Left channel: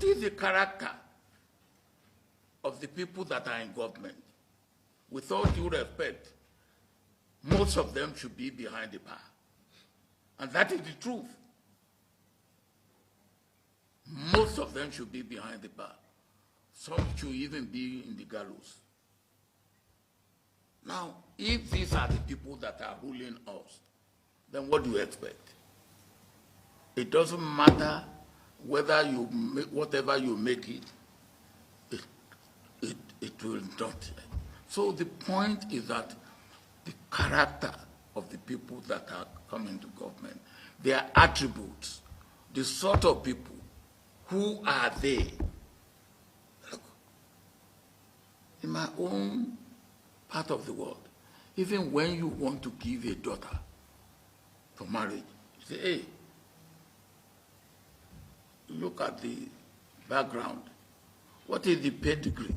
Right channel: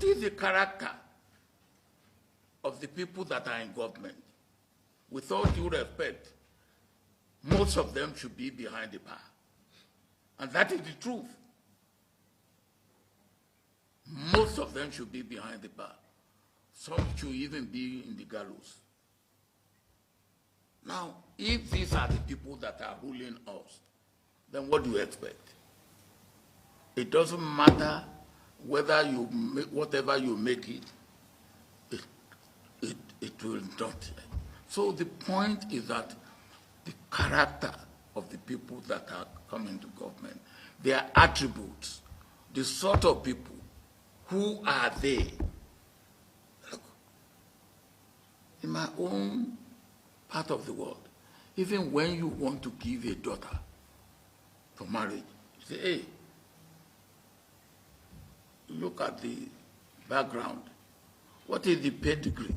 What is the character of the people that are in government? With all due respect, most of them should be behind the bar. And that is the truth. Most of them should be behind the bar. Some should even be in the gallows. Now, if these are the people that are ruling us, then what do you expect? It doesn't matter whether you make, whatever you make it will not. So the point is that the character of the people that are coming to government, their attributes, the sort of people, who are they? Look, in my own part of the world, even when you want to give a daughter to marriage, you say, hey, look at the background. What is the pedigree?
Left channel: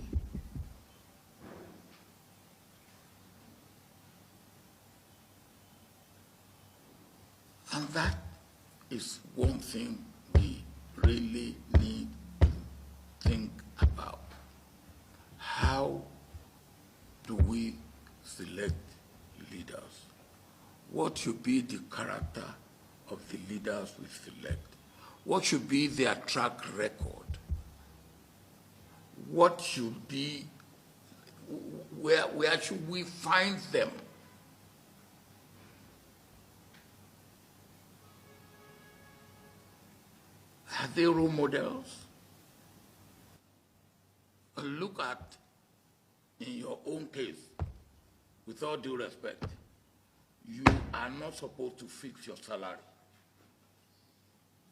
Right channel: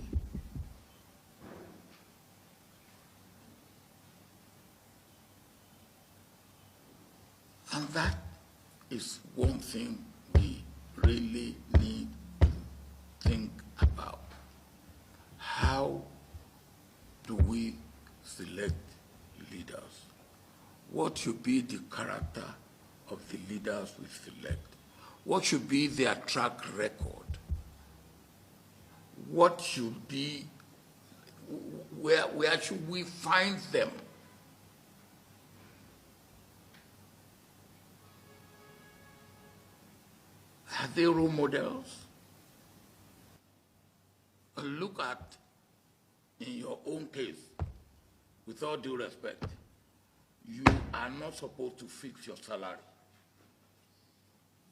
And that is one thing we really need to think about. How do we select leaders? What should be the character of the leaders we select? What should be their track record? What should be, where should we find them? Are they role models? Look at, in your own case, with all due respect, you are not supposed to fix your salary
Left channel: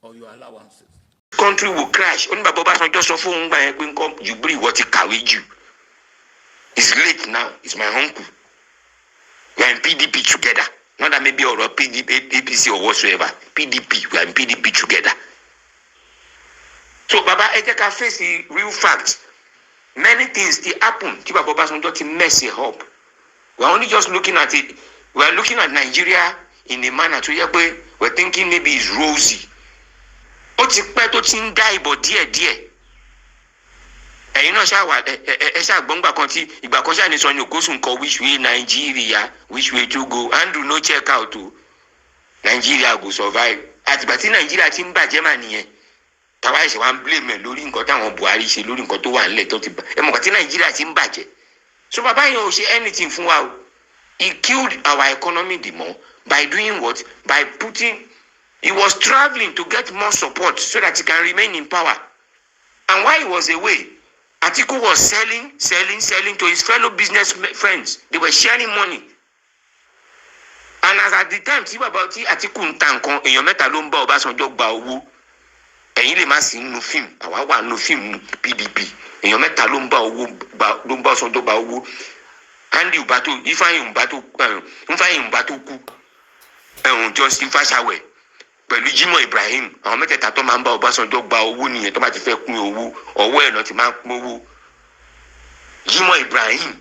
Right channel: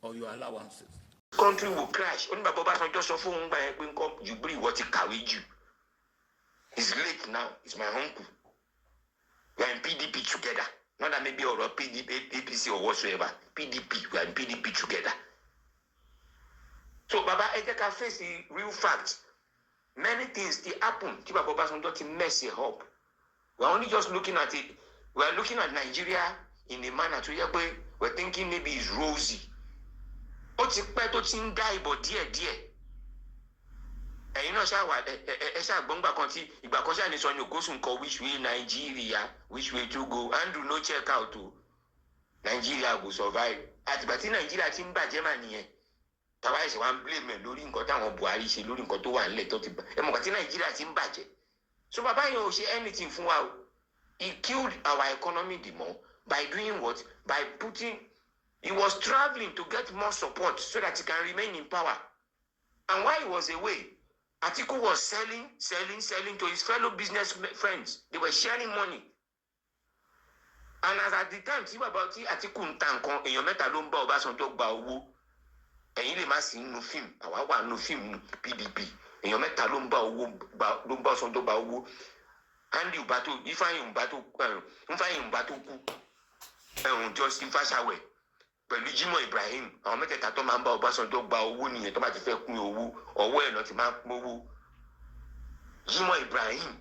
or your allowances. Country will crash. Only by Obasanjo so far you bring what he carried you. It's late now. It's my uncle. We are in PDP together. Not that maybe or PDP, APC or whatsoever. PDP. We are in PDP together. So Baba, I take a face the real facts. Many things they happen. Baba Obasanjo to mess it up. We are only just looking at it. We are looking at Nigeria in a manner to we're thinking maybe it's rosy. Ó ti pẹ́ tó ti ń dá ìbò díẹ̀díẹ̀. Ẹ̀yin náà ṣáà ṣáà gbọ́ngbà kan tí ìgbà kan ṣáà ní sọ ní òkóṣù nǹkan which way Nigeria, which way to go, Andrew no check out o. Nigeria go survive. Àtìgbà tí Nigeria ti ń bàjẹ́ mà nìyẹn. Tàwa ẹ̀ṣẹ̀ wa ń blame lórí nǹkan táwọn Buhari ṣe lórí nǹkan tó wà nílẹ̀ tó ti bà. Ẹ mọ̀ kàn tí Nigeria ti ń bàjẹ́. So bàbá yẹn ò ṣe anything fún wa o. He killed our economy the more by doing what? By putting. He was traveling to get more support so that he can remain in power. And while he was away, Atiku was selling to his fellow business friends. They were sharing money. And as at the time, Atiku ntankan, èèyàn mẹ́ta ló ń bá Obasanjo gba owó. Ẹ̀yin lè má sí nínú fíìmù, àwa wà nínú fíìmù PDP. Èèyàn mẹ́ta ló ń bá Obasanjo gba owó. Andy Ubato, Ifeanyi Ubato kú. Justin Fashawe. Pẹ̀lú Jimoh Ibrahim, àwọn mẹ́tẹ̀ẹ̀ta tó máa ń bá Obasanjo gba owó nìyẹn tó bá ti fẹ́ pín owó, ọwọ́ ẹ̀ náà ti máa ń pín owó. Jimoh Ibrahim,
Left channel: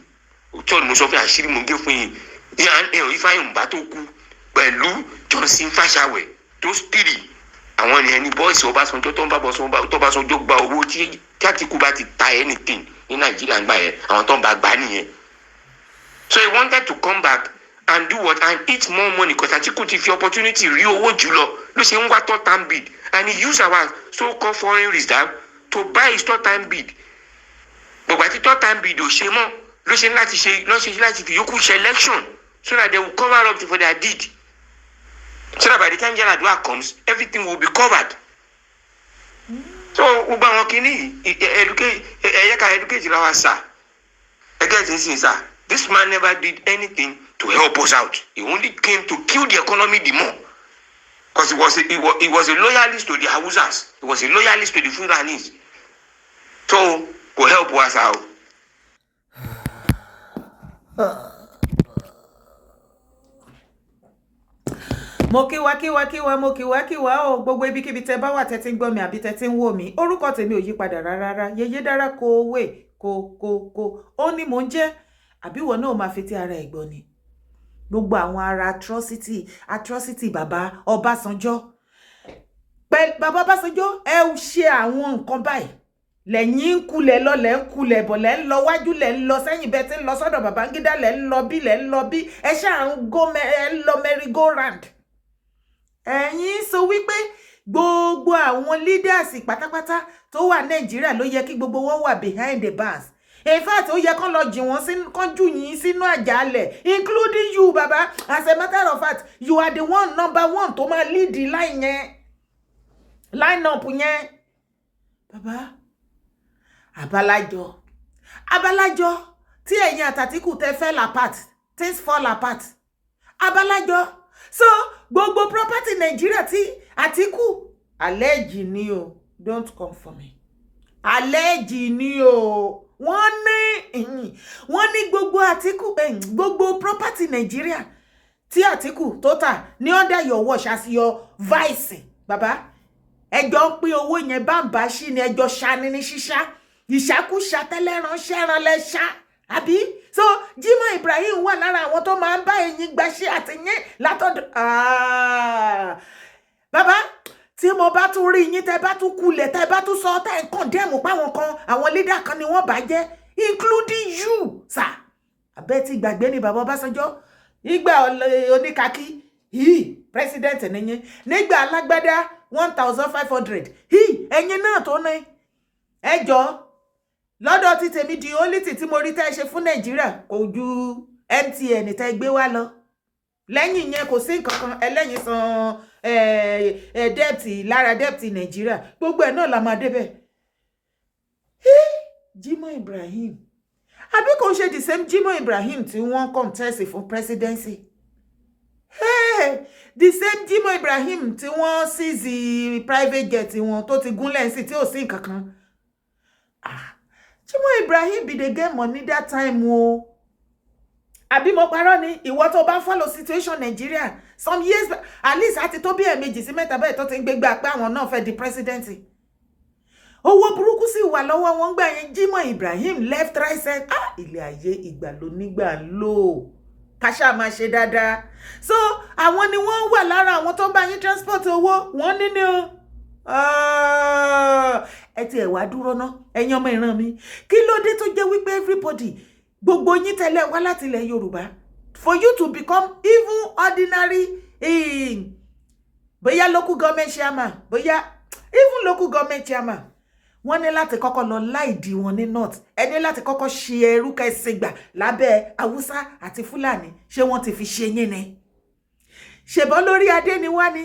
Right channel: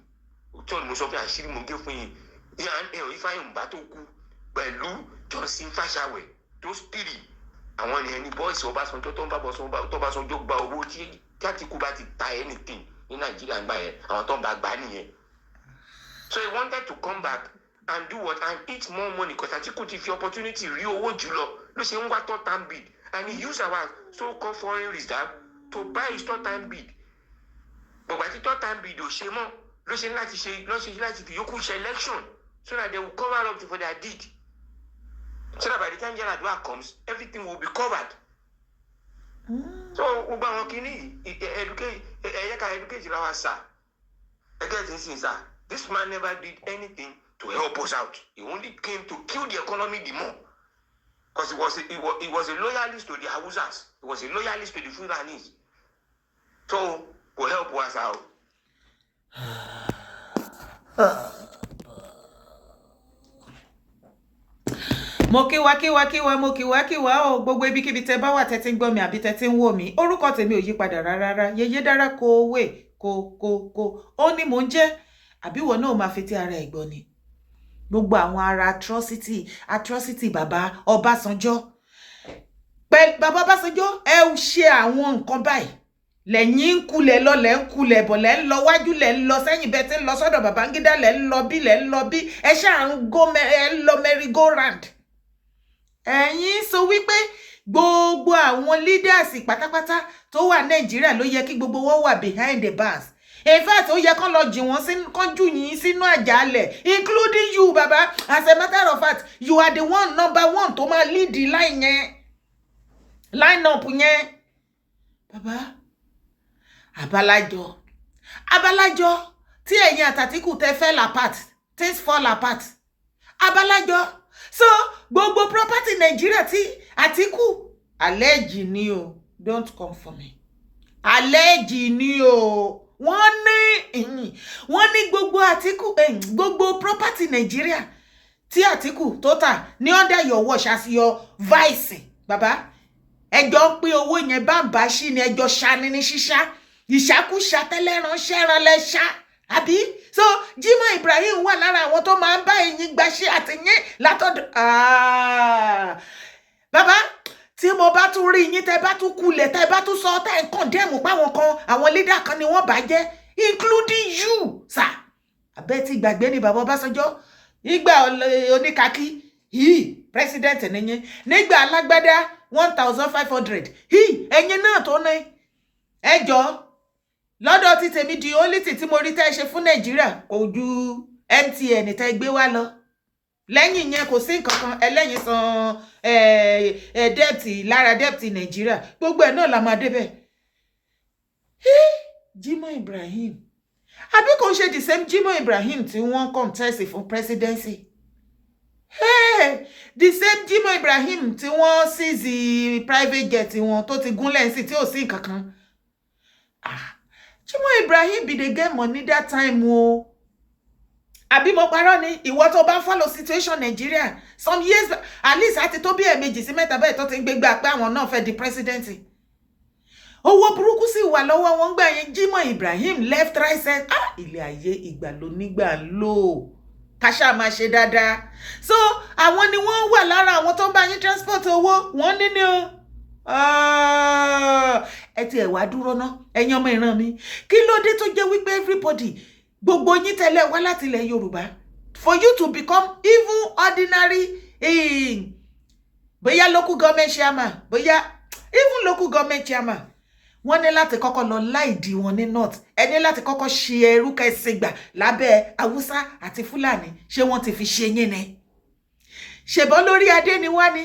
òótọ́ ni mo sọ fún àṣírí mo gé fún yín. Ifeanyi Ubato kú pẹ̀lú Justin Fashawe tó stìrì. Àwọn ènìyàn ní bọ́ọ̀sì Obasanjo tó ń bá Obasanjo gba owó tí Atiku bá ti ta anything ní Nàìjíríà gbà yẹn, àwọn tó ń bá gbà nìyẹn. So he wanted to come back and do what? And eat more money because Atiku ti fi opportunity rí owó jùlọ ló ṣe ń wá third time bid, and he used our so-called foreign reserve to buy his third time bid. But àti third time bid ò ṣe mọ́ ló ṣe láti fi yókù ṣe election so that they will cover up for their deed. So that by the time Yaradua comes, everything will be covered. So gbogbo àwọn kìíní educate our sir. Again, sir, this man never did anything to help us out. He only came to kill the economy the more. Because he was a loyalist to the Hausas. He was a loyalist to the Fulanis. So, will help us out. Mo kíwá o gbogbo ibikíbi tẹ́ bá wà tẹ́ tí ń gbọ́ mi àbí tẹ́ tí ń wò mí. Orúkọ tèmi ò yí padà rárá. Yèyé dára kówé kó. Ó ní mò ń jẹ́ àbí ìwọ náà máa fi ti ara ẹ̀ gbọ́ ni. Gbogbo àwọn ara atrocity bàbá Ọbásanjọ́. Bàbá Ọbásanjọ́ ẹ ṣe àwọn nǹkan báyìí. lẹ́yìn ń kulẹ̀ lọ lẹ́ ń kulẹ̀ bọ̀ lẹ́ ń lọ wájú lẹ́ ń lọ sẹ́yìn bẹ́ẹ̀ tí ń lọ sọ́dọ̀ Babangida lẹ́ ń lọ bí ẹ ṣáà ń lọ merry go round. ẹ̀yin sọ wípé gbogbo àwọn leaders pátápátá tó wà Nàìjíríà ló yẹ kí gbogbo wọn wà behind the bars. In fact, ó yẹ kán lọ jì wọ́n kán jù yín sínú àjàalẹ̀, including you, baba. As a matter of fact, you are the one number one tó máa lead the line up yẹn. Baba, abalájọ tí ẹ̀yin àtàtìkù tẹ́ fell apart, things fall apart. Abalájọ. So, gbogbo property Nigeria tí Atiku allege ni o, don't come for me. Allege ni o. Wọ́n ní gbogbo Atiku gbogbo property Nigeria tí Atiku tó tà ní under your watch as your vice. Baba, ẹjọ́ pín owó yẹn bàbá ṣí ni ẹjọ́ ṣani ní ṣíṣá. Ìṣàkúṣà tẹ́lẹ̀rán ṣẹ́ran lẹ́ṣá. Àbí? So, Jimoh Ibrahim wà lára àwọn tó máa ń bá ẹ̀yin gbaṣẹ́ àtìyẹn látọ̀dọ̀. Baba, tí mo bá tún rí yín tẹ́ bá tún kulẹ̀ tẹ́ bá tún sọ tẹ́ ń condemn páwọn kan àwọn leader kan ni wọ́n bàjẹ́, including you, sir. Abẹ́ ti gbàgbé ni bàbá Ọbásanjọ́ nígbà oníkàkí president nìyẹn, nígbà alágbádá 1,500 ẹ̀yin náà tó ní ẹjọ́ lọ́dọ̀ tí tèmi di only tí mo rí tẹ́ ṣe fún Nàìjíríà kò ju MTN tẹ́ gbé wá lọ. Lẹ́yìn yẹn kò sí nǹkan kan ẹlẹ́yin san debt lára debt Nàìjíríà gbogbo ẹ̀ náà la máa débẹ̀. Jimoh Ibrahim àbí kò ṣe the same Jimoh Ibrahim tí wọ́n contest fún presidency. The same Jimoh Ibrahim tí wọ́n seize private jet wọn tó ti gúnlẹ̀ sí tí ò sí nǹkan kan. Jimoh Ibrahim be dey get money that time o. Àbí mo parọ́ ni ìwọ tó bá follow situation Nigeria some years at least àti tó bí ẹ̀mejì sí mẹ́ta bẹ́ẹ̀ tó ti ń gbégbá pé àwọn náà fẹ́ di president. Owó burúkú sì wà lọ́wọ́ wọn gbà yẹn. Jimoh Ibrahim left right center. Ilé ayé ìgbà ló nígbà lò káṣá máa ṣe dáadáa. So àwọn ni wọ́n wà lára àwọn tó ń bá yín transport owó wọ́n ní ni o. Ẹ ti ẹ̀ wá dúró ná ẹ̀yin ọmọ ìran mi kí ló dé tó jẹ́ wípé everybody gbogbo yín tẹ́lẹ̀ wá láti ilẹ̀ Yorùbá for you to become even ordinary bóyá local government chairman bóyá even local government chairman wọ́n ní láti kọ́kọ́ lọ láìdí wọn ní north ẹ ní láti kọ́kọ́ ṣe ẹrú kẹsìgbà lábẹ́ Haúsá àti Fúlàní ṣé wọ́n ti fi ṣe yín ni ṣèbọn lórí adé ni wá ni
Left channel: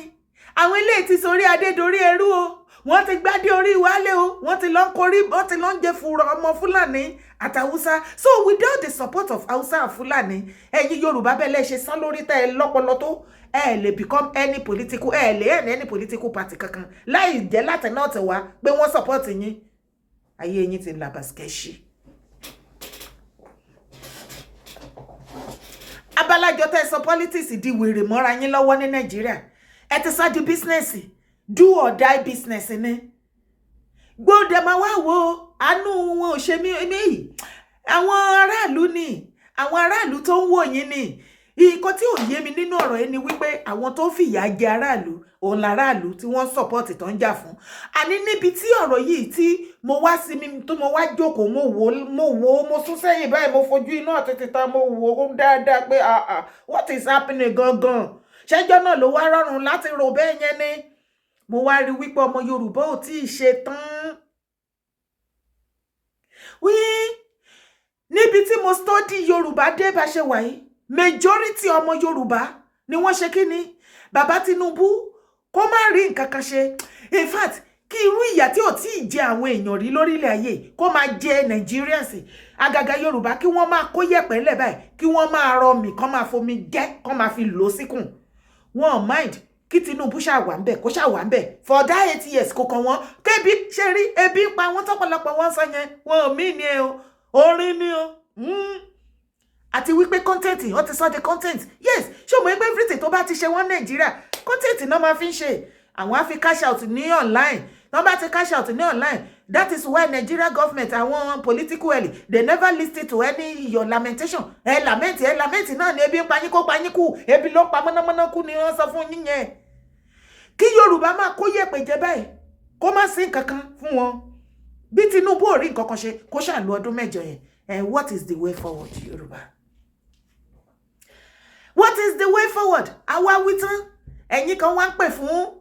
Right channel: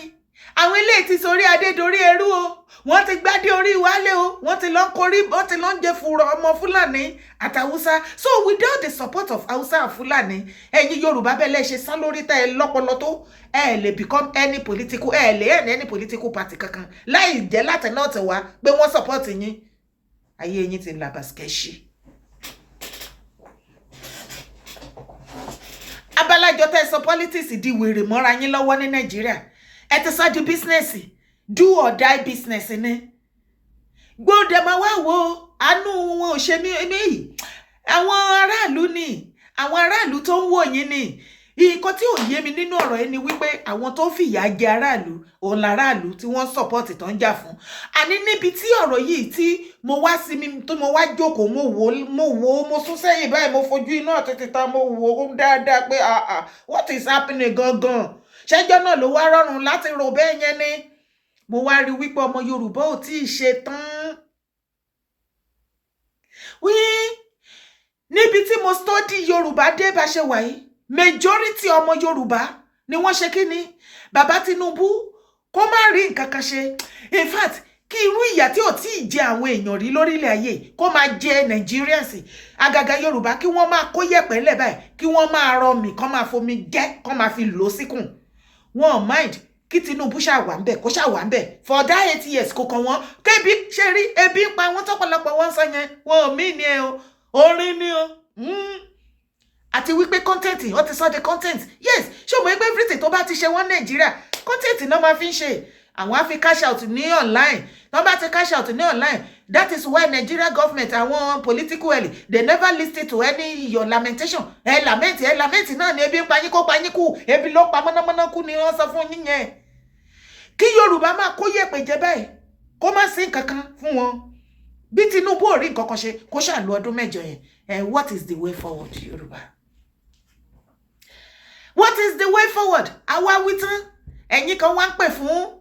àwọn eléyìí ti sórí adé dorí ẹrú o wọ́n ti gbádé orí wálé o wọ́n ti lọ ń korí wọ́n ti lọ ń jẹ fùrọ̀ ọmọ Fúlàní àti Haúsá. So without the support of Haúsá and Fúlàní ẹ̀yin Yorùbá bẹ́ẹ̀ lè ṣe sán lórí tẹ́ ẹ lọ́pọlọ tó ẹ lè become any political ẹ lè any political party kankan láì jẹ́ láti náà tẹ̀ wá pé wọ́n support yín ayé yín ti làbàskẹ́ṣì. Abalájọ tẹ́ sọ politics di wèrè mọ́ra yín lọ́wọ́ ní Nàìjíríà ẹ ti sọ di business do or die business ni gbọ́dọ̀ máa wá wo àánú wọn ò ṣe mí àwọn aráàlú ni àwọn aráàlú tó ń wò yín ni nǹkan tí ò yé mi nínú ọ̀rọ̀ yẹn ni wípé àwọn tó fìyà jẹ aráàlú òun làráàlú tí wọ́n support tó ń jà fún àní níbi tí ọ̀rọ̀ yìí tí mo wá sí mi tó mo wá jókòó mo sún sẹ́yìn báyìí mo fojú inú àtètè ta mo wò ó dáadáa pé what is happening gangan ṣẹ́jọ́ náà ló wá rọrùn láti rò bẹ́ẹ̀ yẹn ni mo wá rí wípé ọmọ Yorùbá ò tí ì ṣe tán. Níbi tí mo study Yorùbá dé bá ṣe wà yìí majority ọmọ Yorùbá ni wọ́n ṣe kí ni bàbá Tinubu kó má rí nǹkan kan ṣe in fact kí irú ìyà tí ò tí ì jẹ àwọn èèyàn rí lórílẹ̀ ayé kó máa jẹ Nigerians àgàgà Yorùbá kí wọ́n máa kó yẹ̀pẹ̀ lẹ̀ báyìí kí wọ́n máa rọ mì kán máa fomi jẹ́ kán máa fi lò síkùn wọn mind kí Tinubu ṣàwà ń bẹ̀ kó ṣàwà ń bẹ̀ for that 8 years kò kàn wọ́n kébi ṣe rí ebi ń pa wọ́n tọ́pọ̀lọpọ̀ wọ́n sọ yẹn wọn ò mí ni ẹ o orin ni o àti wípé content wọ́n ti sọ de content yes ṣé o mọ̀ pé everything tó bá ti ṣe wọ́n Nàìjíríà content náà máa fi ń ṣe àwọn á fi cash out ní online tó bá ti cash out ní online that is why Nigeria government àwọn political elite they never listen to any your lamentation lament náà ni ebi ń pa yín kó pa yín kú ebi ló pa mọ́nàmọ́ná kú ni wọ́n sọ fún yín yẹn kí Yorùbá máa kó yẹ̀pẹ̀ jẹ báyìí kó má sí nǹkan kan fún wọn bí Tinubu ò rí nǹkan kan ṣe kó ṣàlù ọdún mẹ́jọ yẹn. What is the way forward, Yorùbá? What is the way forward? Àwa wí tán, ẹ̀yin kan wá ń pè fún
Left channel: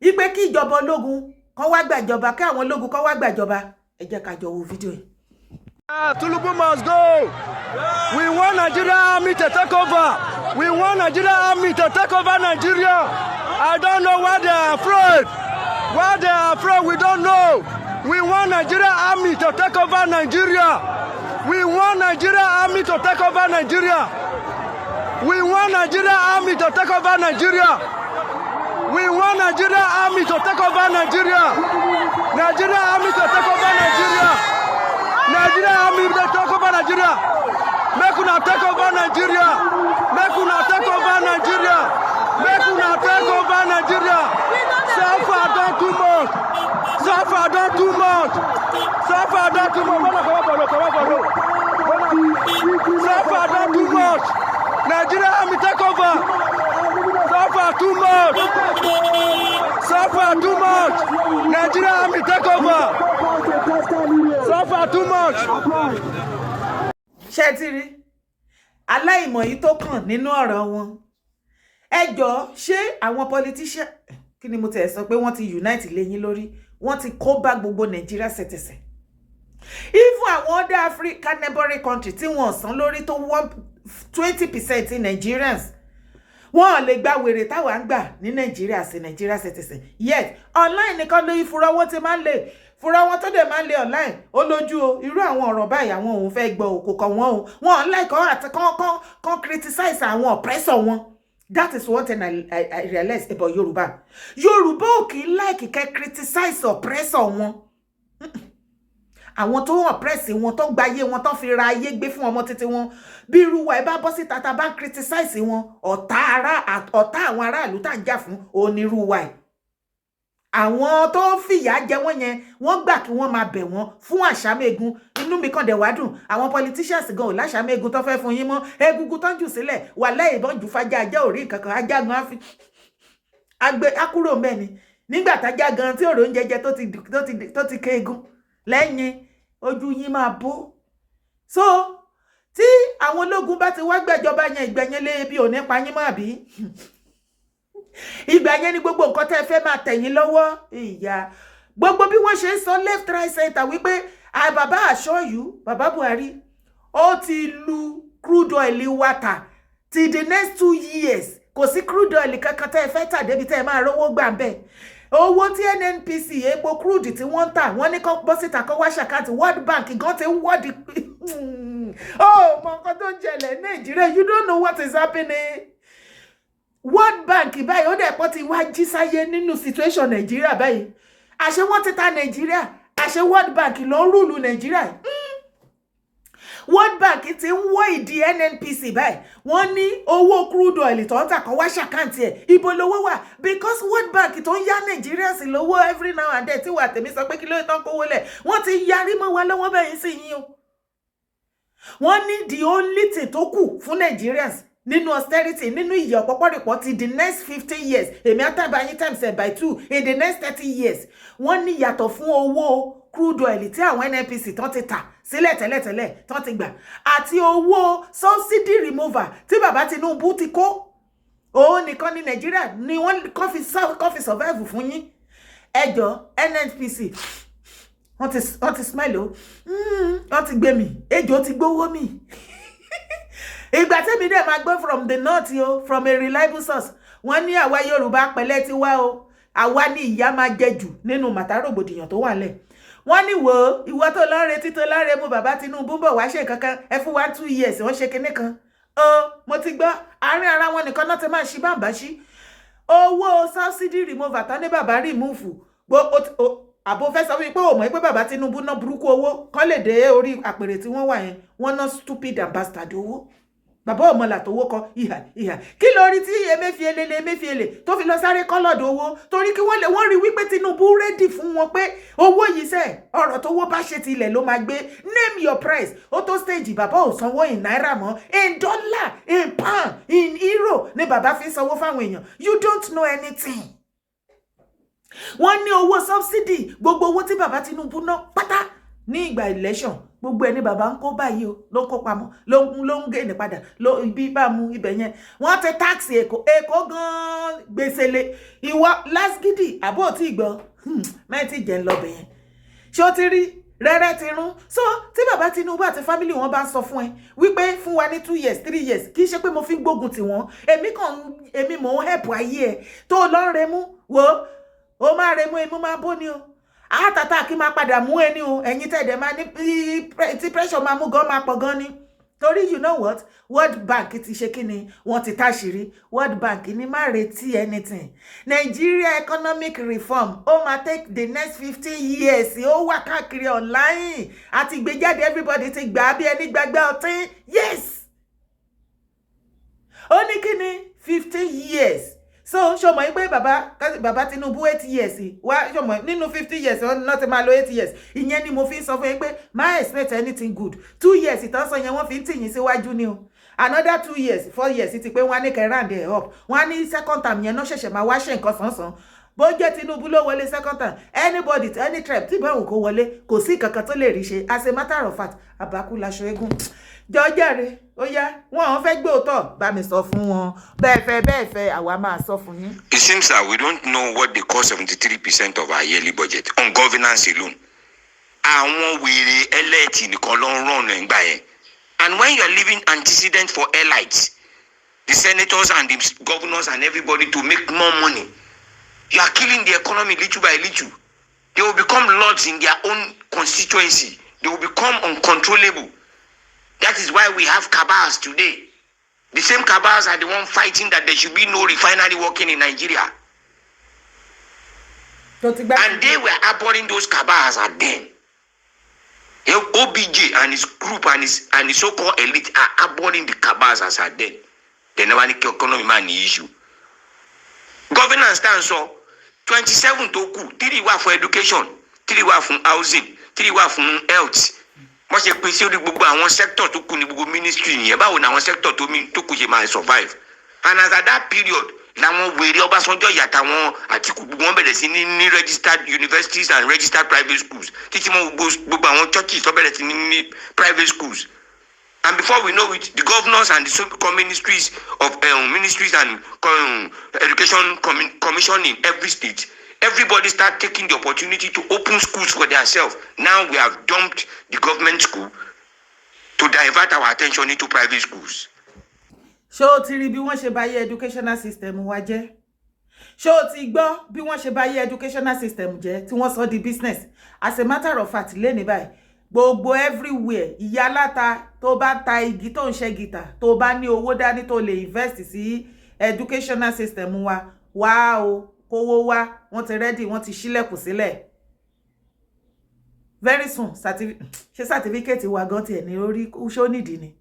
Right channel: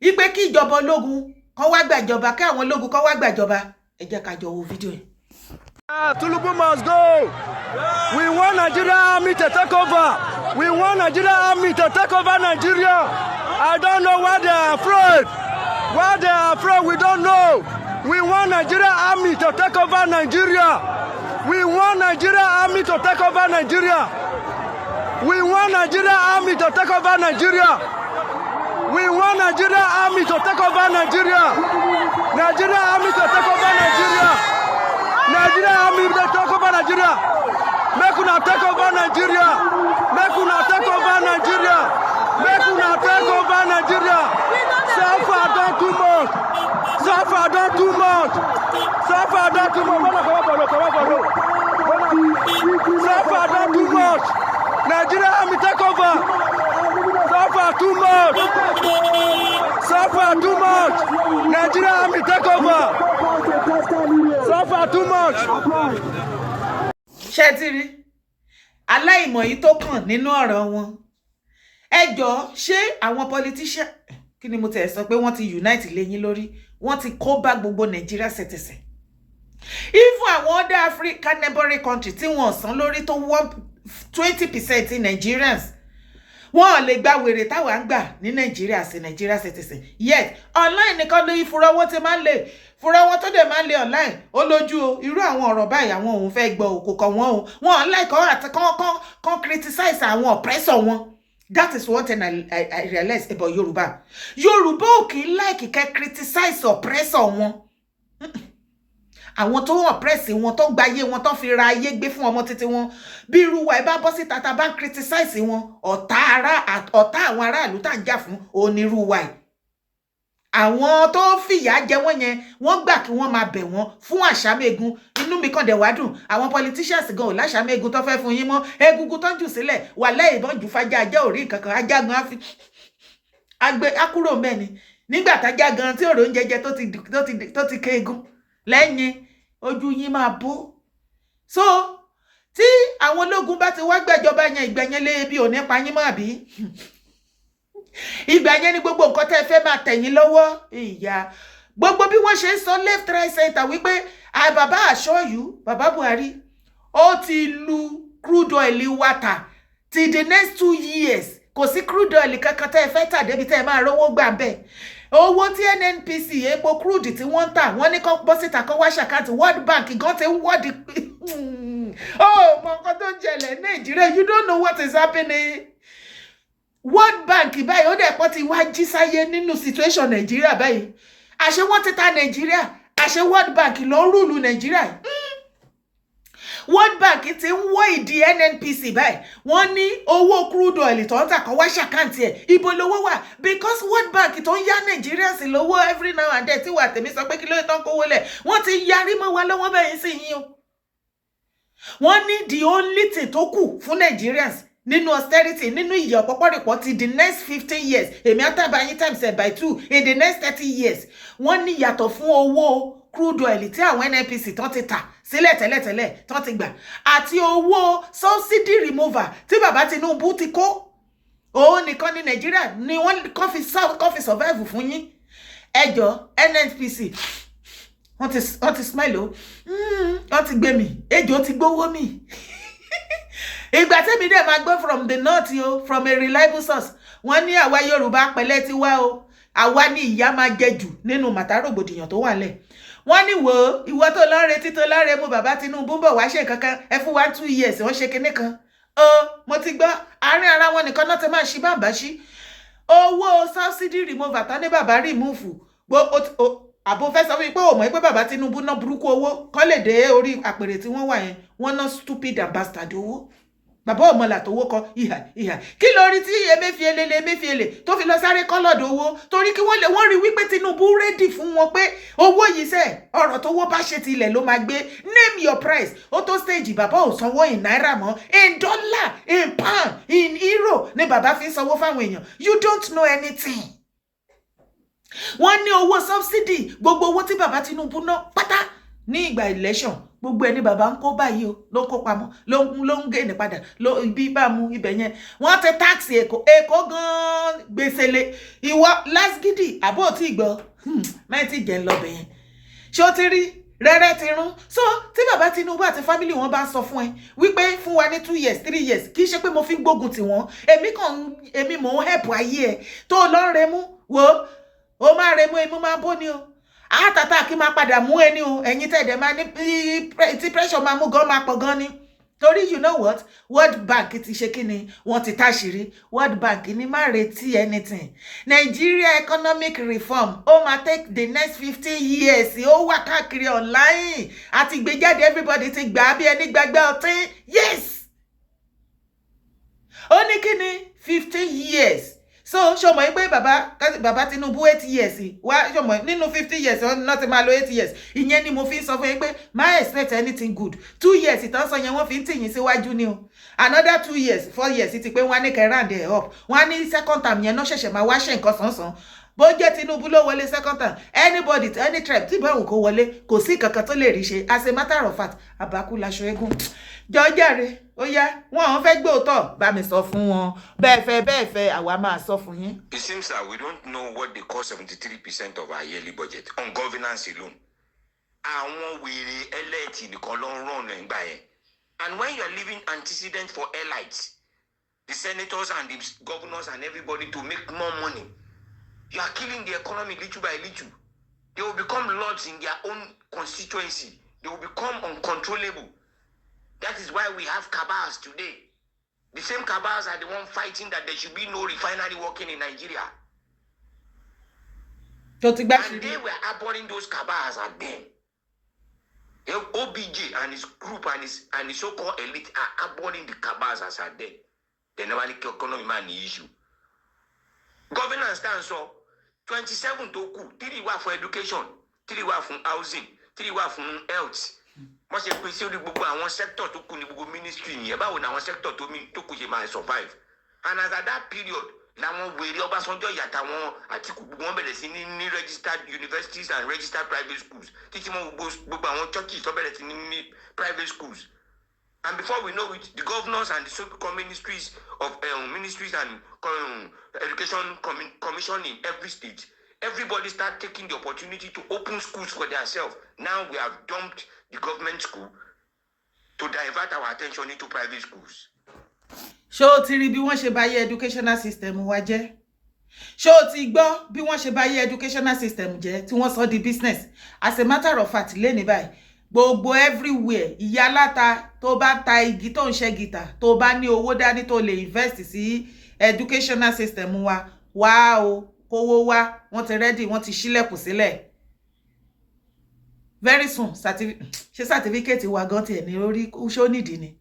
ipe kí ìjọba ológun kan wá gbàjọba, kí àwọn ológun kan wá gbàjọba. Ẹ jẹ́ ká jọ wo fídíò yìí. Tinubu must go. We want Nigeria army to take over. We want Nigeria army to take over Nigeria. I don't know why they are afraid. Why they are afraid, we don't know. We want Nigeria army to take over Nigeria. We want Nigeria army to take over Nigeria. We want Nigeria army to take over Nigeria. We want Nigeria army to take over Nigeria. Nigeria army to take over Nigeria. Nigeria army to take over Nigeria. Make una take over Nigeria. Make una take over Nigeria. Make una take over Nigeria. So far done too much. So far done too much. So far done too much. So far done too much. Nigeria army take over. So far too much. So far too much. Nigeria army take over. So far too much. Ṣé ti rí aláìmọ̀ yìí tó kàn nínú ọ̀rọ̀ wọn? Ẹ jọ̀ọ́, ṣé àwọn politician kí ni mo tẹ̀ sọ pé wọ́n ti unite lẹ́yìn lórí, wọ́n ti kó bá gbogbo Nàìjíríà ṣẹ̀tẹ̀ṣẹ̀. Even àwọn other African neighboring country tí wọ́n san lórí tó 20% in Nigerians, wọ́n lè gba wèrè táwa ń gbà ní Nàìjíríà sí Nàìjíríà ṣẹ̀tẹ̀ṣẹ̀. Yet online nìkan ló ìfura wọn ti máa ń lè fura wọn tó dẹ̀ máa ń lè online ó lójú o. Irú àwọn ọ̀rọ̀ báyìí àwọn òun fẹ́ gbọ́ òkò kan wọn o. Wọ́n like àti kan criticize àwọn oppressor wọn. That is one thing I realized about Yoruba. Yoruba ò kì í like kẹ́ criticize oppressor wọn. Àwọn tó oppress wọn, tó gbáyé wọn, tó fi ra ayé gbé fún ọmọ títí wọn. Bí irú wa ẹ bá bọ́ síta tá bá criticize wọn, ọ̀tá àwọn aráàlú tá ń jà fún onírú wa. Àwọn tó fìyà jẹ wọ́n yẹn, wọ́n gbà kí wọ́n máa bẹ̀ wọ́n fún àṣàmẹ́gun. Inú mi kàn dẹ̀ wá dùn. Àwọn politicians gan ò láṣàmẹ́gun tó fẹ́ fún yín mọ́. Egungun tó ń jù sílẹ̀ wà lẹ́yìn ìbọn jù fàjà ajá orí nǹkan kan. Ajá gan á fi akúrò mẹ́ni. Nígbà tájá gan tí òrò ń jẹjẹ tó ti kéegun lẹ́yìn ojú yín máa bó. So tí àwọn ológun bá ti wá gbàjọba yẹn, ìgbẹ̀yẹn lé bí ò ní pa yín mọ́ àbí? Ìgbà yẹn ni gbogbo nǹkan tẹ́ fẹ́ máa tẹ̀yìn lọ́wọ́. Ìyá gbogbo bí wọ́n ṣe ń sọ left right center wípé bàbá assure you, bàbá Buhari ó ti lu crude oil water till the next 2 years. Kò sí crude oil kankan tẹ́ fẹ́ tà débi tẹ́ máa rówó gbà bẹ́ẹ̀. Owó tí NNPC epo crude tí wọ́n ń tà, wọ́n ní kó bọ́ síta kó wá ṣàkáǹtì. World Bank gan ti ń wọ́ọ̀dì. Oh, mọ nǹkan tó ń jẹlẹ̀ Nàìjíríà, you don't know what is happening. World Bank báyìí ó dẹ̀ pọ̀ ti wá jí sáyé nínú situation Nàìjíríà báyìí. Àṣé wọ́n ti ta Nàìjíríà, àṣé World Bank ló ń rúlu Nàìjíríà. World Bank ti ń wọ́ ìdí NNPC báyìí. Wọ́n ní owó crude oil tó ń tà kan wá ṣàkáǹtì ẹ̀. Ibo lówó wà? Because World Bank tó ń yá Nàìjíríà sí lówó every now and then tí wà tèmi sọ pé kí ló tán kówó lẹ̀. Wọ́n ti yarí mọ́ wa lọ́wọ́ bẹ́yìn sí yín o. Wọ́n ní the only thing tó kù fún Nigerians nínú austerity, nínú ìyà ọ̀pọ̀pọ̀rìpọ̀ ti the next 15 years. Èmi àtàbà yín times by 2 in the next 30 years. Wọ́n ní yàtọ̀ fún owó crude oil tí àwọn NNPC tán ti tà sílẹ̀ tẹ́lẹ̀tẹ́lẹ̀ tán ti gbà, àti owó subsidy remover tí bàbá Tinubu ti kó. Òun nìkan ní Nàìjíríà ni wọ́n kàn fi survive fún yín. Ẹjọ́ NNPC wọ́n ti smile o. Wọ́n ti gbé mi. Ejò ti gbówó mi. Ìgbà tẹ́mi dẹ̀ máa gbọ́ from the north o, from a reliable source. Wọ́n ní àwa Yorùbá pẹ̀lẹ́ ti wá o. Àwa ní ìyá máa jẹ jù nínú màtá rògbòdìyàn tó wà lẹ̀. Wọ́n ní wò ìwọ tó lọ retí tó lọ́rẹ́ mú bàbá Tinubu bọ̀ wá ṣe kankan. Ẹ fún wa 2 years wọ́n ṣe kinní kan. Mo ti gbọ́ àárín ara wọn nìkan náà ti máa ṣí bàbá ṣí. Owó subsidy remover tán ní bàbá remove. Àbò fẹ́ sọ wípé ò mọ̀ pé bàbá Tinubu ná burúkú owó kán lè dé orí àpèrè tí wọ́n wà yẹn. Wọ́n ná stupid and bastard owó. Bàbá ọmọlà tó wó kọ ìhà kí lórí tí Emefiele tó fi lọ sáré kọ́lọ̀dọ̀ owó torí kí wọ́n rí wípé Tinubu rédì fún wọn pé owó yìí sẹ́ ọ̀rọ̀ tó wó bá ṣe ti ilẹ̀ ló máa gbé. Name your price. Ó tó stage bàbá ò sanwó in náírà mọ́, in dollar, in pound, in euro ni bàbá fi ń sanwó fáwọn èèyàn. You don't know anything. wọ́n ní owó subsidy gbogbo owó tí bàbá Tinubu ná pátá ní ìgbà election gbogbo ẹni bàbá ń kó báyìí o ló ń kó pamọ́ ló ń gé ní padà ibi bá mu ibẹ̀ yẹn wọ́n ti tax èkó gan gbèsèlè ìwọ lásgídì àbó tí gbọ́ mẹ́tì jẹ́ ń lọ bẹ̀ yẹn ṣé ó ti rí rẹ́rẹ́ ti rún so tí bàbá Tinubu àti family wọn bá ń sọ fún ẹ wípé fún wa ní 2 years 3 years kì í ṣe pé mo fi ń gbógun tì wọ́n èmi mò ń help ayé ẹ tó lọ ń remú wo ó máa remú èmi máa bó ni o àtàtà kí máa padà mú ẹni o ẹ̀yin tẹ̀dẹ̀ máa ní tí pressure máa mú gan máa pọ̀ gan ni torí you know what World Bank ti ṣe kí ni wọ́n ti táṣìírí World Bank ní má retí anything Nigeria economic reform ó máa take the next 50 years ó wà káàkiri online àti ìgbéjáde everybody ti gbà á bí ẹni gbàgbé ọtí yes ó ní kí ni 15 years so ṣọmọ yìí pé bàbá Tinubu 8 years wá ṣọmọ nínú 50 years náà ti máa lo 8 years ìyẹn ni mo fi ń sọ fún yín pé má expect anything good 2 years ìtàn sọ yẹn wọ́n fi ń tìyìn síwájú ni o another 2 years 4 years ti pé wọ́n á ní kẹrán dẹ̀ up wọ́n á ní second term yẹn náà ṣẹ̀ṣẹ̀ máa wá ṣe nǹkan sánsan bó jẹ́ Tinubu ló wọlé second term anybody any tribe tí báwo kó wọlé kò sí kankan tó lè rí ṣe as a matter of fact àbákú laṣọ eégún jọjàre ó yá wọn àwọn fẹ́ gbé òótọ́ bá mi sọ fún wọn bẹ́ẹ̀ fẹ́ àwa máa sọ fún yín. It seems that we don't know what they call 73% of our yearly budget on governance alone. Àwọn wèrè elite nìkan ló ń run nígbà yẹn. And when you are leaving antecedent for elites, the senators and the governors and everybody to make more money, you are killing the economy little by little. They will become lords in their own constituency. They will become uncontrollable. That is why we have cabals today. The same cabals are the one fighting that there should be no refinery working in Nigeria. And they were abhorring those cabals at then. OBJ and his group and his so-called elite are abhorring the cabals as at then. They never need economy man issue. Governance stands so 27 to 3 were for education, 3 were for housing, 3 were for health. Wọ́n ṣe pín sí orí gbogbo àwọn sector tó kù ní gbogbo ministry nìyẹn báwo ni àwọn sector tó kù ṣe máa survive and as at that period làwọn wèrè Ọbásanjọ́ ìyàtàwọn Àtìkù gbogbo wọn bẹ̀rẹ̀ sí ní registered universities and registered private schools títí mọ́ gbogbo àwọn churches tó bẹ̀rẹ̀ sí ní private schools and before we know it the governors and the so-called ministries of ministries and education commission in every state. Everybody start taking the opportunity to open schools for themselves. Now we have dumped the government school to divert our attention into private schools. Ṣé o ti rí bí wọ́n ṣe bà yé educational system wa jẹ́? Ṣé o ti gbọ́ bí wọ́n ṣe bà yé educational system jẹ́ tí wọ́n sọ di business? As a matter of fact, lẹ́ni báyìí, gbogbo everywhere, ìyá aláta tó bá ta igi tó ń ṣe gìtà, tó bá ní owó dání tó lè invest sí educational system wa, wá o. Owó wá wọ́n ti ready wọ́n ti ṣílẹ̀kùn sílẹ̀ very soon ṣé certificate wa gan tiẹ̀ ní orí ṣó nídìí ni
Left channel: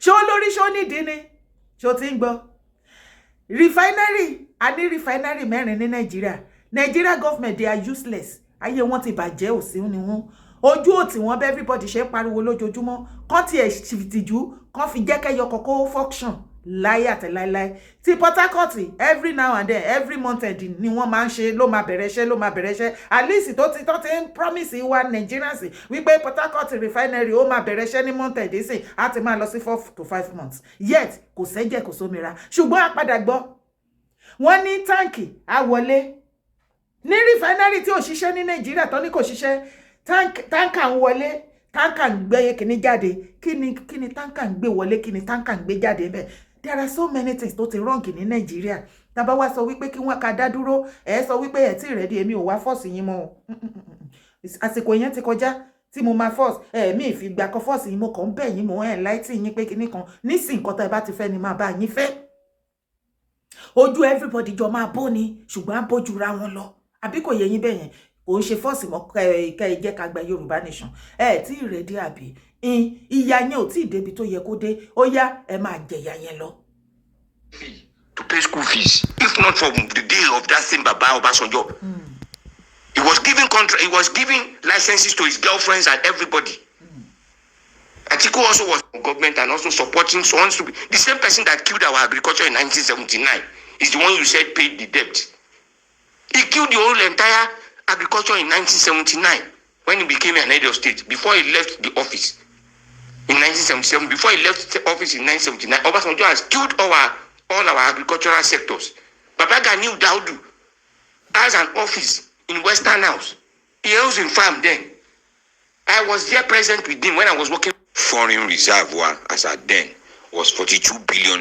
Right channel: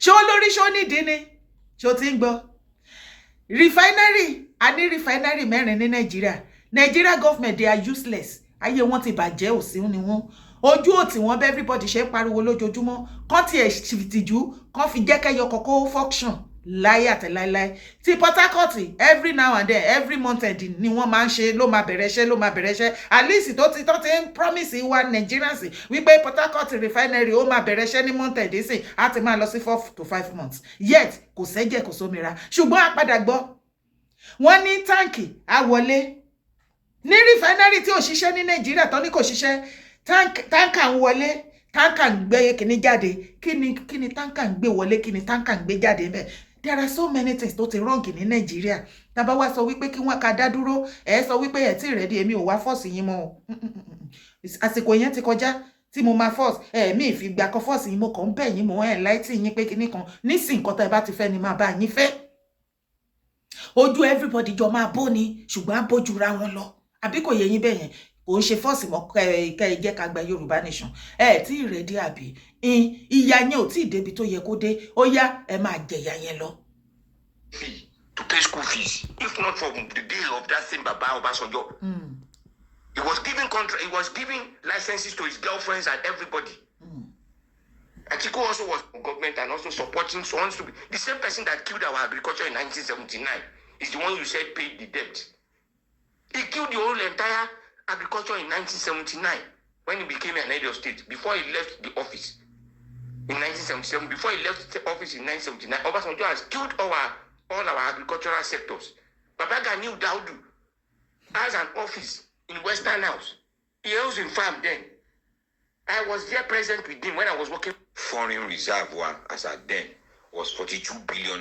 ṣó lórí ṣó nídìí ni ṣó ti ń gbọ́ refinery a ní refinery 4 ní Nigeria government they are useless ayé wọn ti bàjẹ́ òsì ni wọ́n ojú òtí wọn bẹ́ everybody ṣe pariwo lójoojúmọ́ kán tiẹ̀ ṣìtìjú kán fi jẹ́ kẹ́yọ kọ́kọ́ function láyé àtẹ̀láíláí tí Port Harcourt every now and then every month ni wọ́n máa ń ṣe ló máa bẹ̀rẹ̀ iṣẹ́ at least tó ti ń promise wa Nigerians wípé Port Harcourt refinery ó máa bẹ̀rẹ̀ iṣẹ́ ní month sí á ti máa lọ sí 4 to 5 months yet kò sẹ́jẹ̀ kò sómìíra ṣùgbọ́n àpadà gbọ́ wọ́n ní táǹkì á wọlé ní refinery tí ò ṣiṣẹ́ ní Nàìjíríà tó ní kò ṣiṣẹ́ táǹkà ń wọlé táǹkà ń gbé kíní jáde kíni táǹkà ń gbé wọlé kíni táǹkà ń gbé jáde bẹ́ẹ̀. There are so many things tó ti wrong ní Nàìjíríà. Tá bá wá sọ wípé kí wọ́n ká dá dúró, sọ wípé ẹ tí ready èmi ò wá force yín mọ́. Àsìkò yẹn ti kọjá tí mo máa force mi ìfi gbà kan force yín mo kàn bẹ̀ yín mo enlighten yín pé kíní kan nísìn nǹkan tá bá ti fẹ́ ni máa bá yín fẹ́. Ojú everybody jọ máa bó ni ṣùgbọ́n á bójú ra wọn lọ. Àbí kò yé yín bẹ́ẹ̀ yẹn. Kò ń ṣe force mọ́ kẹ́ jẹ́ ká gba Yorùbá nation. Tí ready àbí ìyá yẹn ò tí ì débi tó yẹ kó dé ó yá ẹ máa jẹ̀yà yẹn lọ. To pay school fees if not for the day of that same Baba Obasanjo. He was giving contract, he was giving licenses to his girlfriends and everybody. Atiku also was in government and also supporting someone to be the same person that killed our agriculture in 1979 is the one you said paid the debt. He killed the whole entire agriculture in 1979 when he became an head of state, before he left the office in 1977. Before he left the office in 1979, Obasanjo has killed all our agricultural sectors. Baba Gani Daudu has an office in Western House. He owns a farm then. I was there present with him when I was working. Foreign reservoir as at then was $42 billion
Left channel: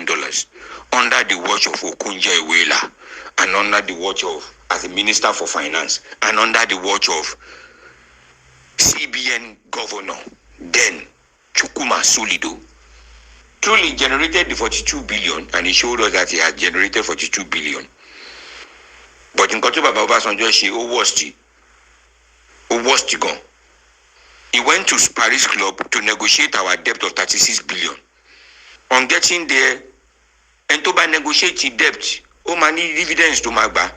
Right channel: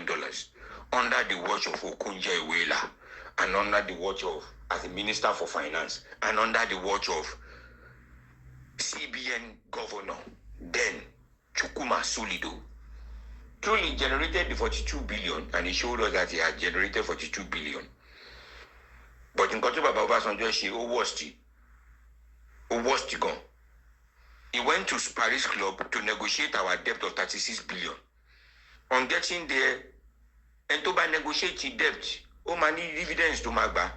under the watch of Okonjo-Iweala and under the watch of, as a minister for finance, and under the watch of CBN governor, then Chukwuma Soludo. Truly generated the 42 billion, and he showed us that he had generated 42 billion. But in Koto Baba Obasanjo, she was gone. He went to Paris Club to negotiate our debt of 36 billion. On getting there, and to negotiate the debt, money dividends to Magba.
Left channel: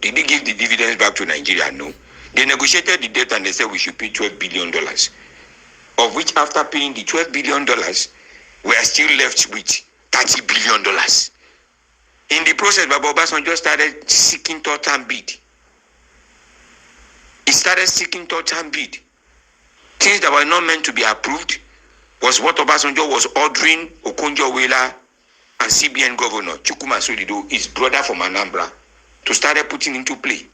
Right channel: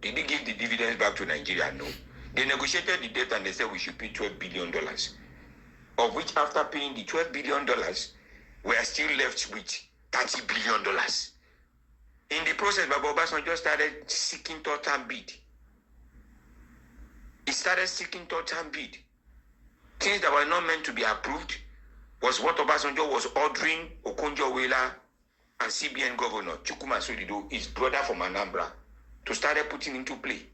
Did they give the dividends back to Nigeria? No. They negotiated the debt and they said we should pay $12 billion. Of which, after paying the $12 billion, we are still left with $30 billion. In the process, Baba Obasanjo started seeking third-hand bid. He started seeking third-hand bid. Things that were not meant to be approved was what Obasanjo was ordering Okonjo-Iweala and CBN governor Chukwuma Soludo, his brother from Anambra, to start putting into play.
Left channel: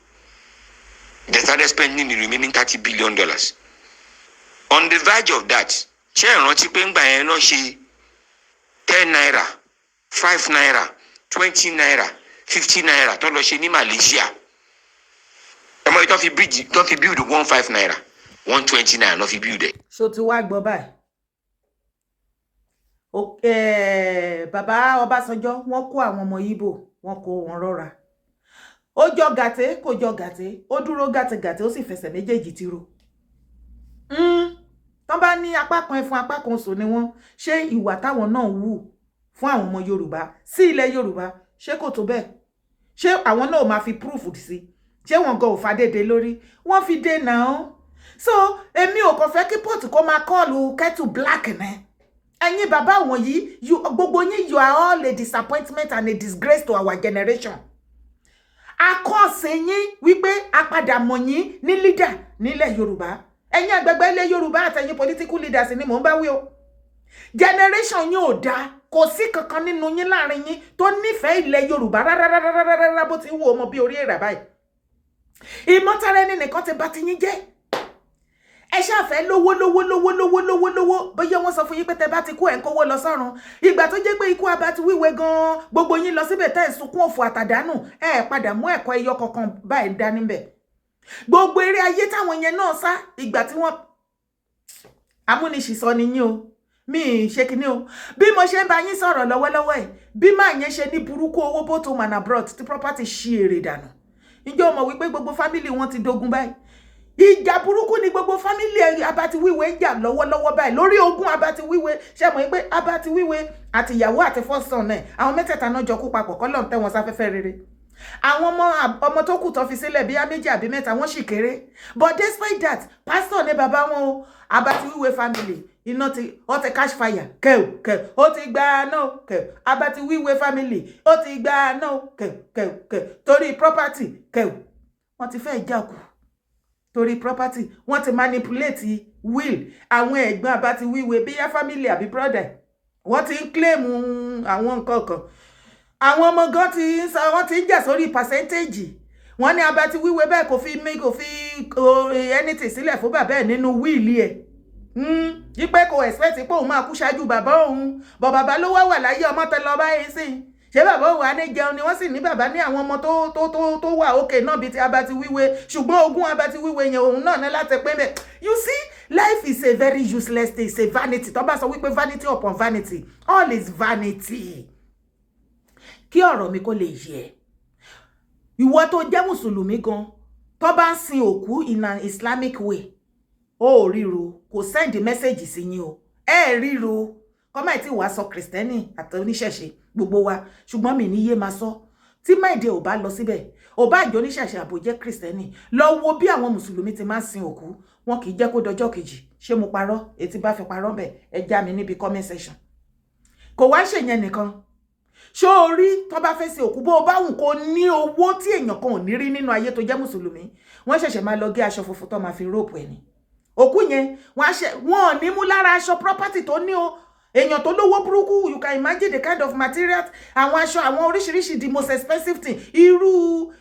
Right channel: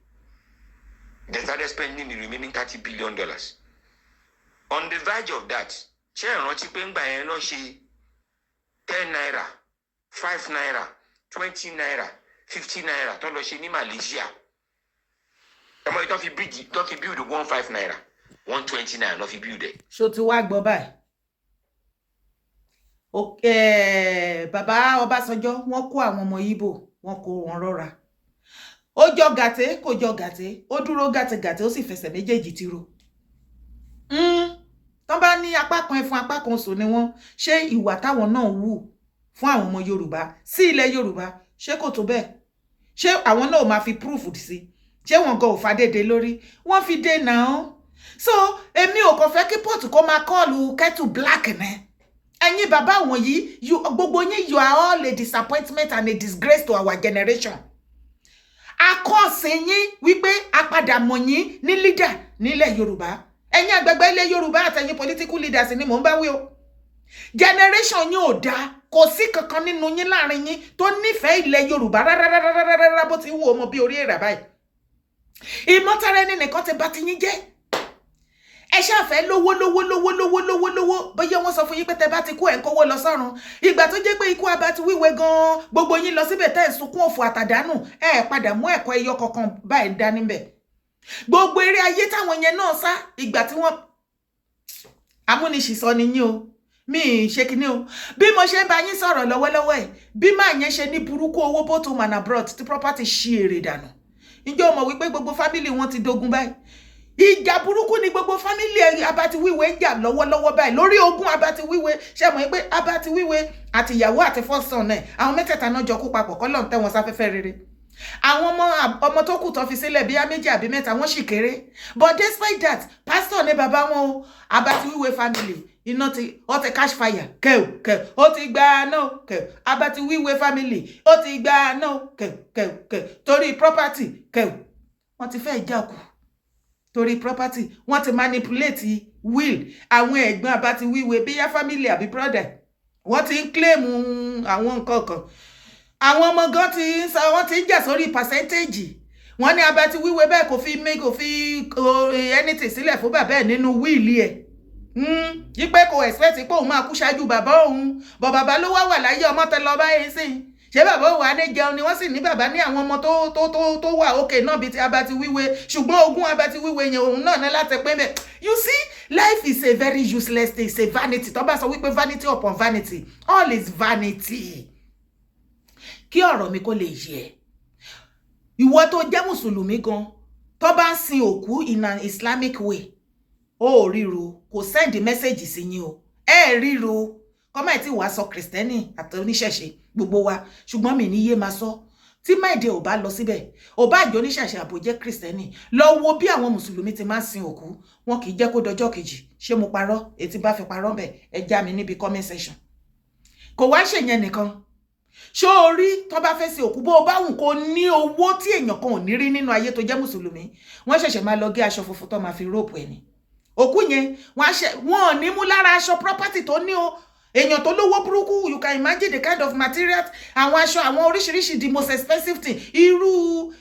They started spending the remaining $30 billion. On the verge of that, Chair Rotipeng Bayeno, she 10 naira, 5 naira, 20 naira, 50 naira, don't she in Malaysia. Don't you build 1.5 naira, 120 naira, not you build it. So to work, bye. Okay, Baba Obasanjo, wọ́n kó àwọn ọmọ Ìgbò, wọ́n kó wọn rọra. Ó jọ gàtè, kò jọ gàtè, ó dúró gàtè, ó sì fẹsẹ̀ méjèèjì tìró. Tọ́n bá ní apá kan ẹfun apá kan sò ni wọ́n, ṣé ìwà táwọn náà wù fún àwọn ọmọ Yorùbá sí ilẹ̀ Yorùbá, ṣé kò tó bẹ́ẹ̀? Ṣé àwọn náà máa fi proof sí? Ṣé wọ́n gan ò fàdédé lórí? Wọ́n fi dé náà. So, èmi ò kàn fẹ́ kí port kó máa call kettle black ne. Ẹ̀yin bàbá wọ̀nyí, gbogbo yín, you are all a disappointment and a disgrace to our generation. Akọ́ṣe yín wípé apadà mọ̀ yín ní leader nílẹ̀ Yorùbá. Ẹ̀yin àgbàgbà ilẹ̀ Yorùbá àtẹ̀yin political leaders ni mò ń bá wí o. Generation yín ò dá, kò sí kankan nínú yín láàrin yín tó nífẹ̀ẹ́ ilẹ̀ Yorùbá rárá bó ti wù ọmọ bí orí èèrà báyìí. Ìmọ̀tara ẹni nìkan ti bà ti yín jẹ́. Ẹ ṣàfẹ́ lówó bóyá wọ́n sọ fún yín pé tẹ́ bá ti kú ẹ̀ ń kówó lọ sọ́run. Ìgbà tó jẹ́ pé ikú abá ti wíwe gan, gbogbo yín lọ síbẹ̀ tẹ́ ẹ̀ sunkún òfò àtàdánù, ẹ padà mú ẹ̀kọ́ ẹyọ kankan báyìí dání bẹ̀. Gbogbo eré ayé táwọn yẹn náà sá, ìgbà tí wọ́n amúnisìsọ ni yín o. Mi ṣe kíní o. Bí mo ṣe ń bá yín sọ̀rọ̀ lọ́wọ́lọ́wọ́ ẹ̀, bí máa yẹn ṣe ní burúkú owó both home and abroad tí property ṣí èrè dànù. Ǹjẹ́ o mọ̀ wípé gbogbo family wọn ti dogun báyìí? Ìjà burúkú ni gbogbo family Abatiwiwe ń jà lọ́wọ́lọ́wọ́ báyìí lórí ogún Abatiwiwe. Ṣé mọ̀ pé Abatiwiwe àti ìyàwó àti first son ẹ̀, àwọn mẹ́tẹ̀ẹ̀ta náà jọ kú papọ̀ kọ́lọ́run tẹ́ wọn sáfẹ́fẹ́ rere. Àwọn ọmọ tó kù tó fi sílẹ̀ bí méjì àbí mẹ́ta wọ́n sì kéré. But despite that, pastor ni bàbá wọn o. Abatiwiwe family iná ti ó ti cash fire kẹ́ ó ti gba náà kẹ́. Abatiwiwe family ó ti gba náà kẹ́ torí property kẹ́ wọ́n ti fẹ́ jà kù. Torí property wọ́n ti manipulate will àwọn ẹ̀gbọ́n Abatiwiwe bí ya family àbí brother wọ́n ti ń claim àwọn nǹkan kan. Àwọn ọmọ gan ti sọ wọ́n ti ń jà sórí percentage. Wọ́n ní Abatiwiwe bẹ́ẹ̀ kò fi anything sílẹ̀ fún bàbá ẹ̀ nínú will ẹ̀. Yí pé kò expect pé òun máa kú ṣáájú bàbá òun. Bọ̀ bàbá ló wà láyé ọmọ tẹ lọ báyìí sí. Ṣé bàbá ò wà ní jẹun ni wọ́n sì ní bàbá ní àwọn ọmọ tó wà òkè náà bíi ti Abatiwiwe, ṣùgbọ́n ogún Abatiwiwe yẹn òun náà ní láti pín bẹ́ẹ̀. You see, life is a very useless thing, it's a vanity. Tó bá sọ wípé vanity upon vanity, all is vanity. Kí ọ̀rọ̀ mi kó lè yé. Ìwọ tó jẹ́ Mùsùlùmí gan, tó bá ń sin òkú in an Islamic way, ó ríro, kò send message sí yín o. Ríro. Kọ́mọ̀ tí wàá sọ Kristẹni àti oníṣẹ̀ṣe gbogbo wa, ṣùgbọ́n mi ní yé máa sọ. Tí máìdè ò bá lọ síbẹ̀, ò bá jẹ́ oníṣẹ̀ṣe àbò jẹ́ Kristẹni, lọ wo bí àwọn Mùsùlùmí ti máa ń sin òkú, wọn kì í jẹ́ kó dọjọ́ kejì. Ṣé mo parọ́? Ètí bá fi parọ́ bẹ̀, ẹ já mi níbi comment section. Kò wá ṣèyẹn nìkan. ṣó rí tó bá fẹ́ sí òkú bó bá wùn kó ní owó tí èèyàn kan ò ní rí nínú ayé tó jẹ́ mùsùlùmí wọ́n ṣẹ̀ṣẹ̀ máa lọ gé aṣọ funfun tó máa fi rope ẹni òkú yẹn wọ́n ò ní mú lára aṣọ property tó ní o èèyàn tó lówó burúkú you can imagine the kind of materials àwọn aṣọ àwọn oríṣiríṣi the most expensive thing irú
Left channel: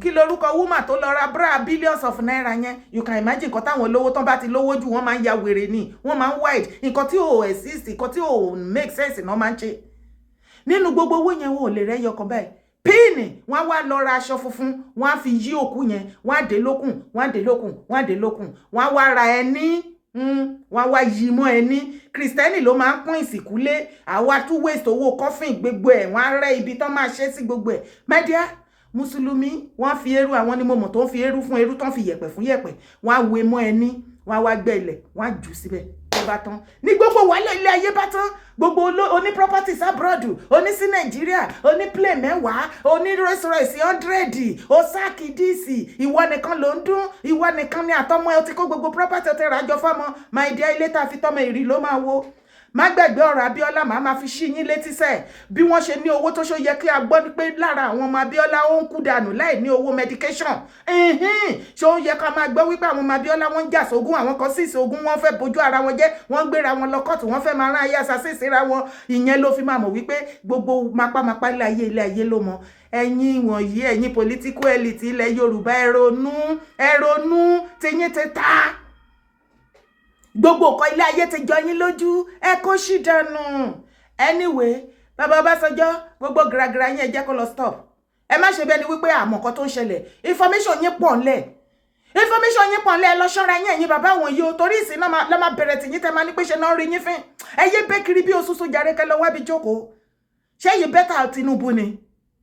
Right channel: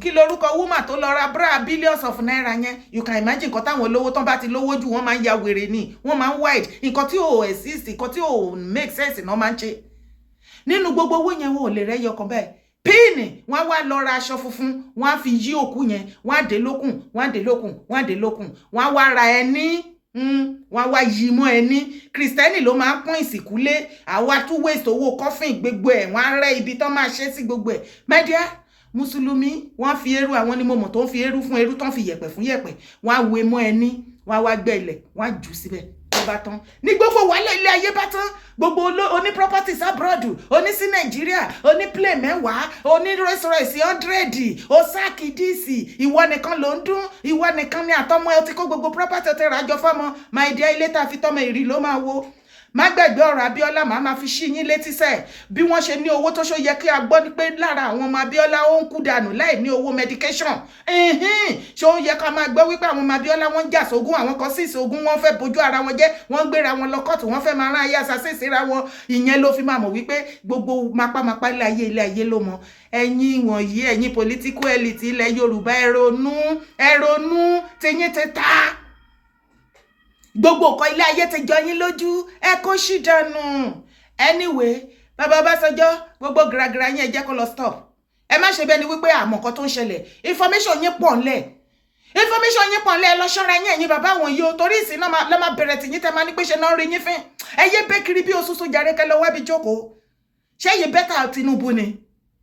kí lorúkọ woman tó lọ ra bra billions of naira yẹn you can imagine nǹkan táwọn olówó tán bá ti lówó jù wọ́n máa ń ya wèrè ni wọ́n máa ń wide nǹkan tí ò exist nǹkan tí ò make sense náà máa ń ṣe nínú gbogbo owó yẹn wọn ò lè rẹ́yọ kan báyìí píìnì wọ́n wá lọ ra aṣọ funfun wọ́n á fi yí òkú yẹn wọ́n á dé lókùn wọ́n á dé lókùn wọ́n á dé lókùn wọ́n á wá ra ẹní wọ́n wá yí mọ́ ẹní kristẹni ló máa ń pọ́n ìsìnkú lé àwa tún waste owó coffin gbogbo ẹ̀ wọ́n á rẹ́ ibi tán máa ṣe sí gbogbo ẹ̀ my dear mùsùlùmí wọ́n fi eérú àwọn ni mo mọ̀ tó ń fi eérú fún eérú tán fi yẹ̀pẹ̀ fún yẹ̀pẹ̀ wọ́n á wé mọ́ ẹní wọ́n á wá gbẹ́ ilẹ̀ wọ́n á jù síbẹ̀ tó bá tán ní gbogbo wàhálà ilé ayé bá tán gbogbo oní properties abroad oní sí nàìjíríà oní plane 10 oní Rolls-Royce 100 ó sáàkì díìsì ìwọ nìkan ló ń dún ìwọ nìkan ni àtọmọ ẹ ti kó gbogbo property ti ràjọ fọmọ my dear ilé tá a fi tọmọ ìrì ló máa wo má gbàgbé ọ̀rọ̀ Abíọ́lá máa fi ṣí yín létí sẹ́ bí wọ́n ṣe ní owó tó ṣó yẹ kí a gbọ́ ní pé lára àwọn ọmọ Abíọ́lá ó ń kú dànù láì ní owó medication ṣó yẹ ká máa gbọ́ wípé àwọn ọmọ Abíọ́lá wọ́n ń jà sógún àwọn kan sì sógún wọ́n fẹ́ bójú ara wọn jẹ́ wọ́n gbéra wọn lọ kọ́ọ̀tù wọ́n fẹ́ máa rán ayé assassin síra wọn ìyẹn ló fi máa mọ̀ wípé gbogbo mapámapá ilé ayé ló mọ ẹ̀yin wọ̀nyí ẹ̀yin political elite ilẹ̀ Yorùbá ẹ ronú tiyín ti ta gbogbo nǹkan ilé ayé ti jọ yín lójú ẹ kó ṣì dànù anyway bàbá Ọbásanjọ́ gbogbo gàràgàrà yín ẹ jẹ́ kó lọ stop ẹ má ṣe bẹ́ẹ̀ ni wípé àmọ́ nǹkan tó ń ṣẹlẹ̀ information yín pọ̀ ńlẹ̀ ẹ lọ ṣọ́ra yín ẹ̀yin bàbá wọn yìí o torí ìsìn náà lọ́ máa bẹ̀rẹ̀ tì yín tẹ́ máa ní pé ṣe náà rí yín fín ẹ yé bẹ́ kiri bí oṣooṣù jàre kẹ́ lọ wábi jókòó ṣé yìí bẹ́tà Tinubu ni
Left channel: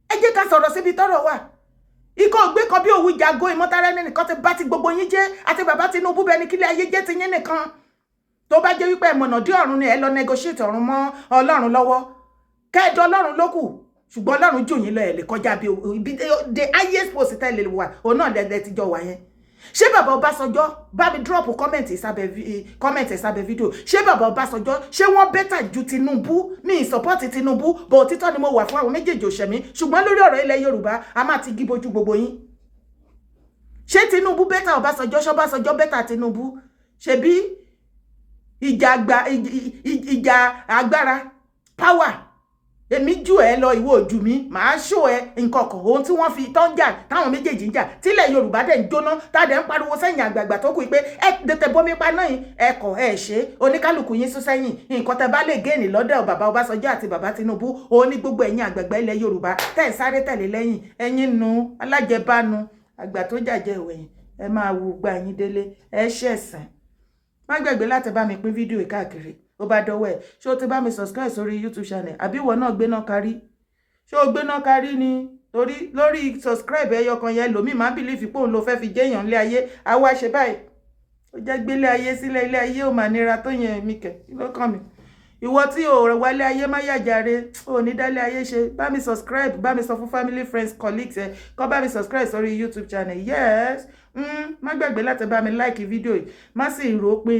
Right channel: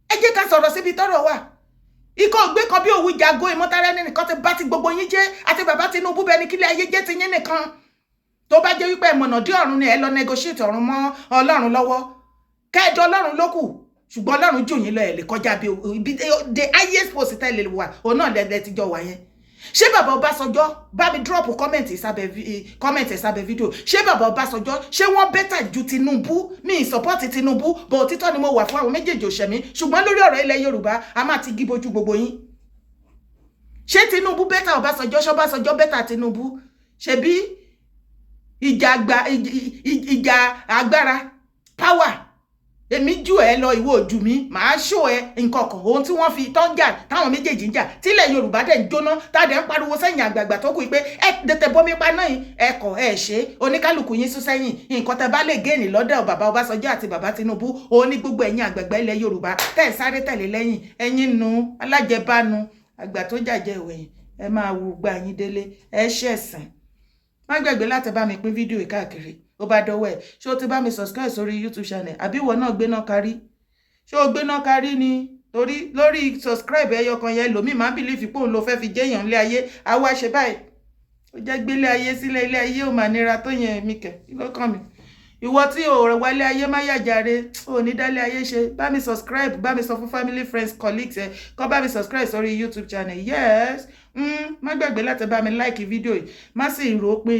ẹ jẹ́ ká sọ̀rọ̀ síbi tọ́rọ̀ wà ikọ̀ ògbé kan bí òwú jago ìmọ̀tara ẹni nìkan ti bá ti gbogbo yín jẹ́ àti bàbá Tinubu bẹ́ẹ̀ ni kílẹ̀ ayé jẹ́ ti yín nìkan tó bá jẹ́ wípé ẹ̀mọ̀nà dé ọ̀run ni ẹ lọ negotiate ọ̀run mọ́ Ọlọ́run lọ́wọ́ kẹ́ẹ̀dọ́ Ọlọ́run ló kù ṣùgbọ́n Ọlọ́run jù yín lọ ẹ̀ lè kọjá bí the highest post tẹ́lẹ̀ wà òun náà lẹ́dẹ̀ ti jọ wà yẹn ṣé bàbá Ọbásanjọ́ bá mi drop comment ìsàbẹ̀ fídíò ṣé bàbá Ọbásanjọ́ ṣé wọ́n bẹ́tà ju Tinubu mi support Tinubu bọ̀ òtítọ́ ni mo wà fún àwọn méjèèjì òṣèmí ṣùgbọ́n lórí ọ̀rọ̀ ilẹ̀ Yorùbá a máa ti gíbojú gbogbo yín ṣé Tinubu bẹ́tà Ọbásanjọ́ ṣọ́básanjọ́ bẹ́tà Tinubu ṣebí ìjà agbára power èmi jù ẹ lọ ìwọ ojú mi màá ṣó ẹ nǹkan kan ohun tí wọ́n fi tán jà táwọn méjèèjì ń jà tílẹ̀ Yorùbá dẹ̀ ń jóná tádẹ̀ ń pariwo sẹ́yìn àgbààgbà tó kù pé ẹ tètè bomi pa náà ẹ̀kọ́ ẹ̀ ṣe oníkálukú yín sún sẹ́yìn nǹkan tẹ́ bá lè géènì lọ́dọ̀ bàbá Ọbásanjọ́ àti bàbá Tinubu òun ní gbogbo ẹ̀yin àgbààgbà ilẹ̀ Yorùbá tẹ́ ẹ̀ sáré tẹ̀lé lẹ́yìn ẹ̀yin nu alájẹbánu àgbà tó jàjẹ ìwẹ̀yìn ẹ máa wù gbà yín délé ẹ ṣẹ̀sìn má gbàgbé láti bá mi pín fídíò káàkiri ó bá dọwọ́ ẹ̀ ṣé o ti bá mi subscribe sórí YouTube channel àbí ìwọ náà gbéná kárí ṣé o gbéná kárí ni torí lórí subscribe ẹyọ kan yẹn lòmíì máa ń bìlífì pé òun ló fẹ́ fi jẹ́yàn ilé ayé àwa ṣe báyìí ó jẹ́ gbélé ayé sílẹ̀ ilé ayé ò mà nira tó yẹn mi kẹ̀ kí ló kàn mí ìwọ tí ò rẹ̀ wálé ayé má yàjàre ò ní dálé ayé ṣe bá mi subscribe bá mi sọ fún family friends colleagues ẹ kọ́ bá mi subscribe sórí YouTube channel yes má gbàgbé láti bá mi like fídíò yìí má sì rò pé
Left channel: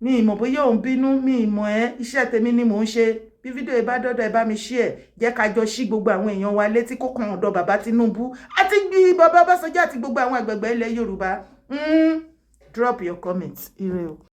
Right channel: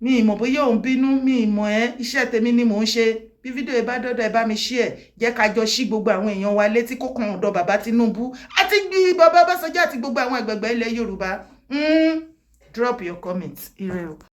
mi ìmọ̀ bóyá òun bínú mi ìmọ̀ ẹ́ iṣẹ́ tèmi ni mò ń ṣe bí fídíò yìí bá dọ́dọ̀ ẹ bá mi share jẹ́ ká jọ ṣí gbogbo àwọn èèyàn wa létí kó kàn ọ̀dọ̀ bàbá Tinubu àti bàbá Ọbásanjọ́ àti gbogbo àwọn àgbààgbà ilẹ̀ Yorùbá drop your comments ire o.